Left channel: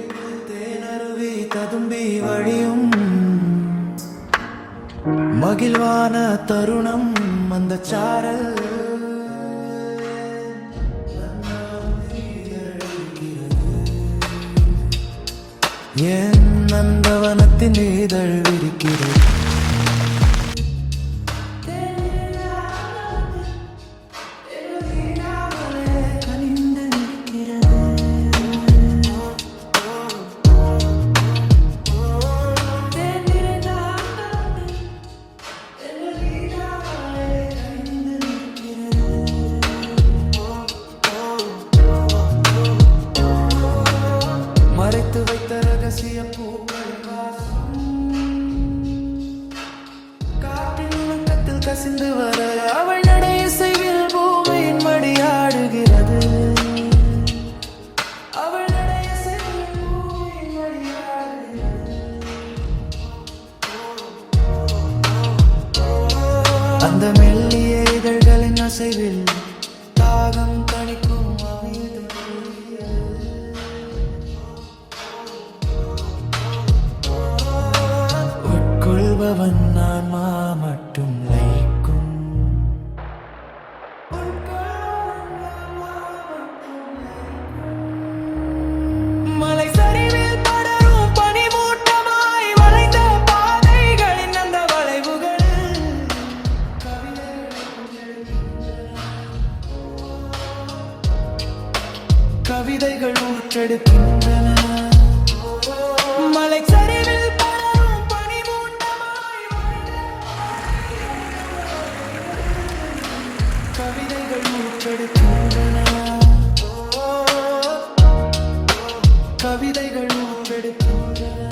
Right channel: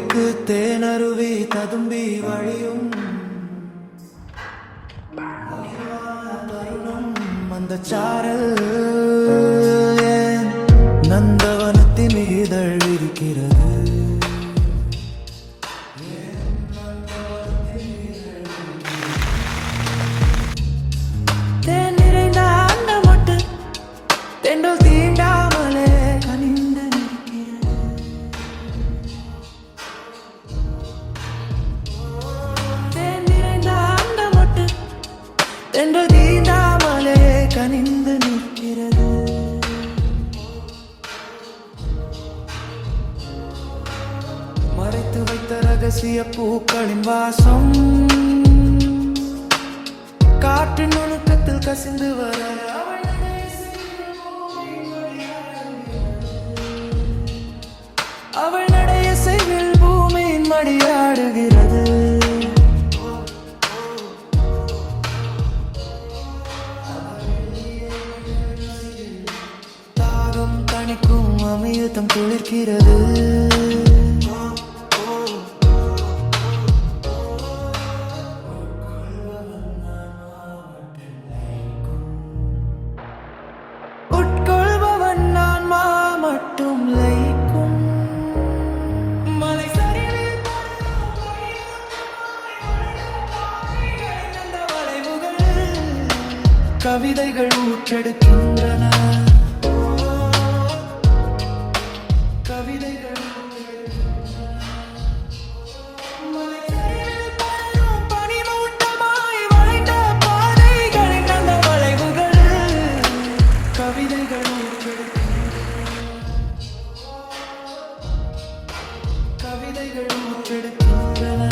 வீட்டுக்கு தேனருவி ததும்பி வழியும் மகிழ்வான தருணம் அந்த சாரல் நந்தவனத்தின் இதழ் இருக்கிறது ஏன் நந்தவனத்தின் இதழ் இருக்கிறது மறைத்து வைத்த ரகசிய பூக்களின் வாசம் காற்றின் நுணுக்கத்தில் கசிந்து வர அவள் நடையிசையில் பூமியின் மடியாடுகிறது அவள் நடையிசையில் பூமியின் மடியாடுகிறது அந்த மெல்லிய இதழ்களின் அசைவில் தாகம் தணிக்கும் அமிர்தம் துளிர்க்கிறது கவிதைகள் ஊற்றெடுக்கின்றன கவிதைகள் ஊற்றெடுக்கின்றன மலைச்சரிவில் படரும் பனிமூட்டமாய் வளைந்த பாதைகளின் அந்த வளைவுகள் கவிதைகள் ஊற்றெடுக்கின்றன கவிதைகள் ஊற்றெடுக்கின்றன